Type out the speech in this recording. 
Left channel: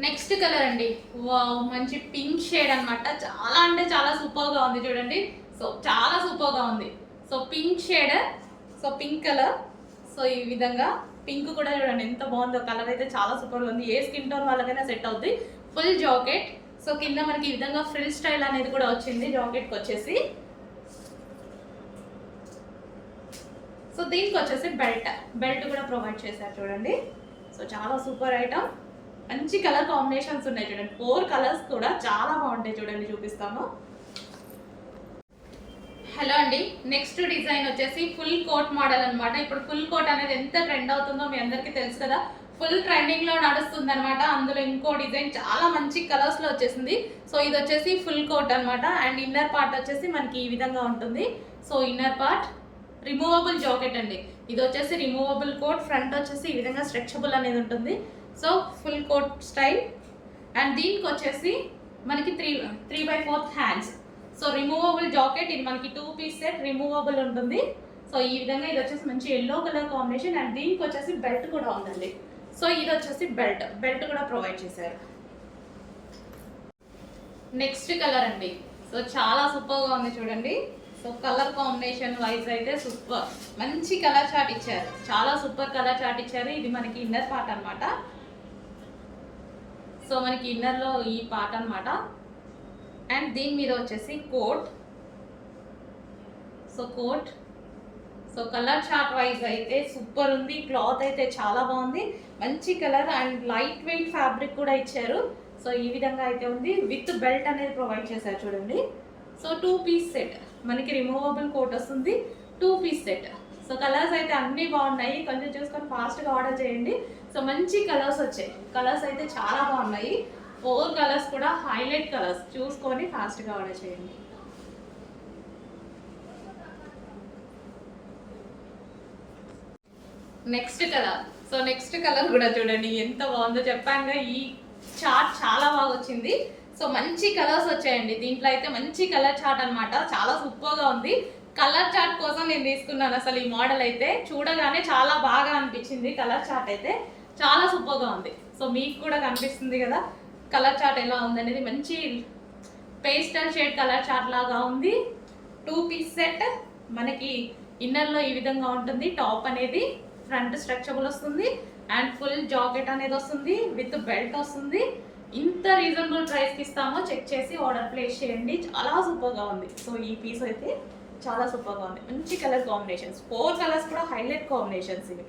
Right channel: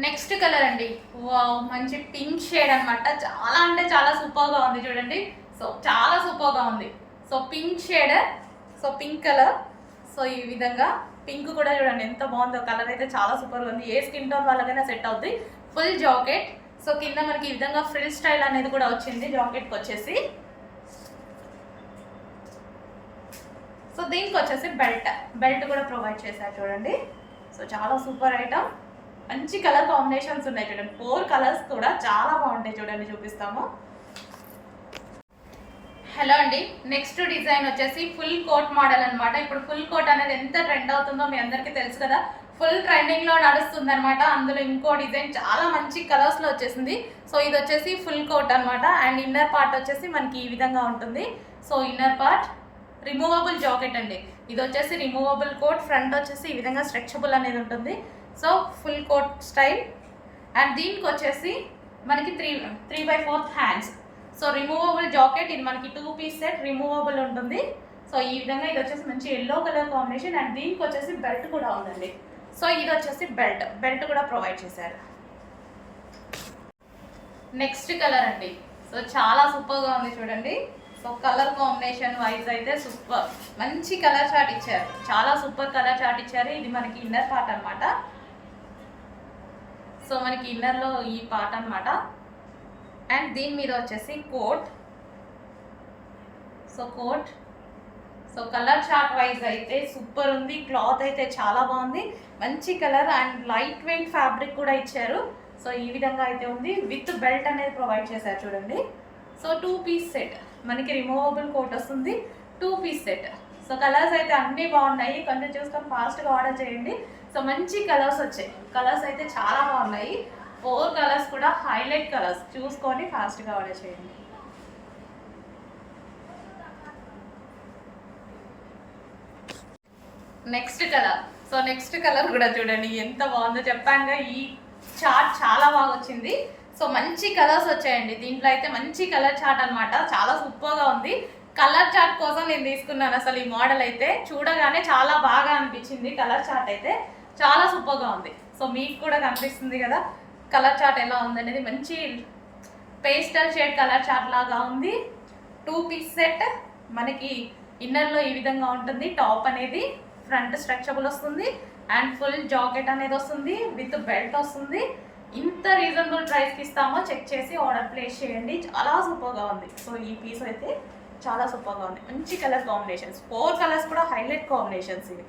Next colour అండి. Wow, మంచి pink shade అనమాట. చాలా అంటే చాలా సూపర్గా ఉంది చూడండి. సో చాలా సూపర్గా ఉంది. So pink shade, so pink colour. So ఈ విధంగా పింక్ కూడా చూడండి ఎంత బాగుందో. కలర్ అయితే చాలా సూపర్గా ఉంది. ఏ స్కిన్ టోన్ వాళ్ళకైనా సెట్ అవుతుంది. Full jacket. సో కింద మనకి ఈ విధంగా ఫ్రిల్ స్టైల్ అనేది కూడా వచ్చింది జాకెట్కి వచ్చేసి. సో దీనికి వచ్చేసి బెల్ట్ కూడా ప్రొవైడ్ చేశారు చూడండి. సో చాలా సూపర్ ఐటమ్. మంచి కలర్ కాంబినేషన్స్ ఉన్నాయి చూడండి. 4 కలర్స్ కూడా చాలా బాగుంటాయి చూడండి, చూపిస్తాము. హలో అండి, నెక్స్ట్ డిజైన్ వచ్చేసి ఫుల్ కోట్ మోడల్ అనమాట. ఇప్పుడు ఫుల్ కోట్ అనేది ఎంత ట్రెండ్ అవుతుందో మీ అందరికీ తెలుసు కదా. ఫుల్ ట్రెండింగ్ లో నడుస్తుంది అనమాట. అందులో ఇంకో డిజైన్ చాలా మంచి కలర్స్ లో వచ్చేసింది. సో ఇది వచ్చేసి ఫుల్ కోట్ అనమాట. అండ్ ఇన్నర్ పార్ట్ వచ్చేసి మనకి ఈ విధంగా ఉంటుంది. So inner part removable jacket అండి. ఇది వచ్చేసి రిమూవబుల్ కోట్. ఫ్రంట్ వచ్చేసి ఈ విధంగా స్ట్రెచబుల్ అనేది ఉంటుంది. So full coat style. And దీనికి వచ్చేసి మనకి 3/4 హ్యాండ్స్. So removable jacket. ఇది మనకి 2 పీస్ సెట్ రిమూవబుల్ ఉంటుంది. సో ఈ విధంగా ఇది వచ్చేసి మంచి ఎల్లో కలర్ కాంబినేషన్. అండ్ దీనికి వచ్చేసి బెల్ట్ కూడా ఉందండి. సో ఇది వచ్చేసి బెల్ట్ కూడా ప్రొవైడ్ చేశారు. నెక్స్ట్ కలర్ అండి. సో చాలా సూపర్గా ఉంది చూడండి. సో కలర్ కాంబినేషన్ వైజ్ అయితే సూపర్. మంచి కలర్ చార్ట్ ఇచ్చారు. చాలా సూపర్ కలర్ చార్ట్ ఇచ్చారు. ఇది మనకి ఇన్నర్ పార్ట్ అనమాట. సో మనకి ఇన్నర్లో ఈ పార్ట్ అనమాట. అండ్ దీని మీద వచ్చేసి coat. So coat. So colour chart wise అయితే సూపర్ ఉంది. క్లాత్ అయితే చాలా బాగుంది. మంచి colour and light weight fabric కూడా ఇచ్చారు. సో ఈ విధంగా అయితే ఉంది. విత్ బెల్ట్ అనేది ప్రొవైడ్ చేశారు చూడండి. So 2 piece set. మనకి రిమూవబుల్ కోట్ వస్తుంది. 2 పీస్ సెట్. సో కలర్స్ అయితే అన్నీ బాగున్నాయి. కొంచెం చూసుకొని ఫాస్ట్గా ఆర్డర్ చేయండి. సో మంచి కలర్స్ వచ్చాయి. కలర్స్ అయితే చాలా బాగున్నాయి. 4 కలర్స్ కూడా హైలైట్ కలర్స్. చూసుకొని ఫాస్ట్గా ఆర్డర్ చేయండి. Next colour. So next colour కూడా చూడండి ఎంత బాగుందో. చెప్పానుగా ఈ చార్ట్ చాలా బాగా వచ్చింది. సో మంచి కలర్స్ వచ్చాయండి. దీంట్లో అయితే మంచి కలర్ చార్ట్ అనమాట. చాలా సూపర్గా ఉంది. కలర్ చార్ట్ కోసం నేను తీసుకున్నాను. అసలు ఈ మోడల్ అయితే చూడగానే చాలా బాగా అనిపించింది. కలర్ చార్ట్ అయితే చాలా సూపర్గా ఉంది. సో మీకు కూడా కనిపిస్తుంది కదా కలర్ చార్ట్ ఎలా ఉందనేది. మంచి పేస్టల్ షేడ్ కలర్ చార్ట్ లాగా ఉంది. 2 పీస్ సెట్. మనకి ఇన్నర్లో ఈ విధంగా ఉంటుంది. టాప్ అనేది ఫ్రంట్ స్ట్రెచబుల్ వస్తుంది. అండ్ ఫుల్ జాకెట్ అనేది వస్తుంది. విత్ బెల్ట్ వస్తుంది. ఇంత రీజనబుల్ ప్రైస్కి ఇస్తామో చెక్ చేసి ఆర్డర్ ప్లేస్ చేయండి. చాలా సూపర్గా ఉంది. సో ఈ పీస్ అయితే చాలా సూపర్గా ఉంది. మంచి కలర్ కాంబినేషన్స్. 4 కలర్స్ కూడా హైలైట్ కాంబినేషన్స్ ఇవి.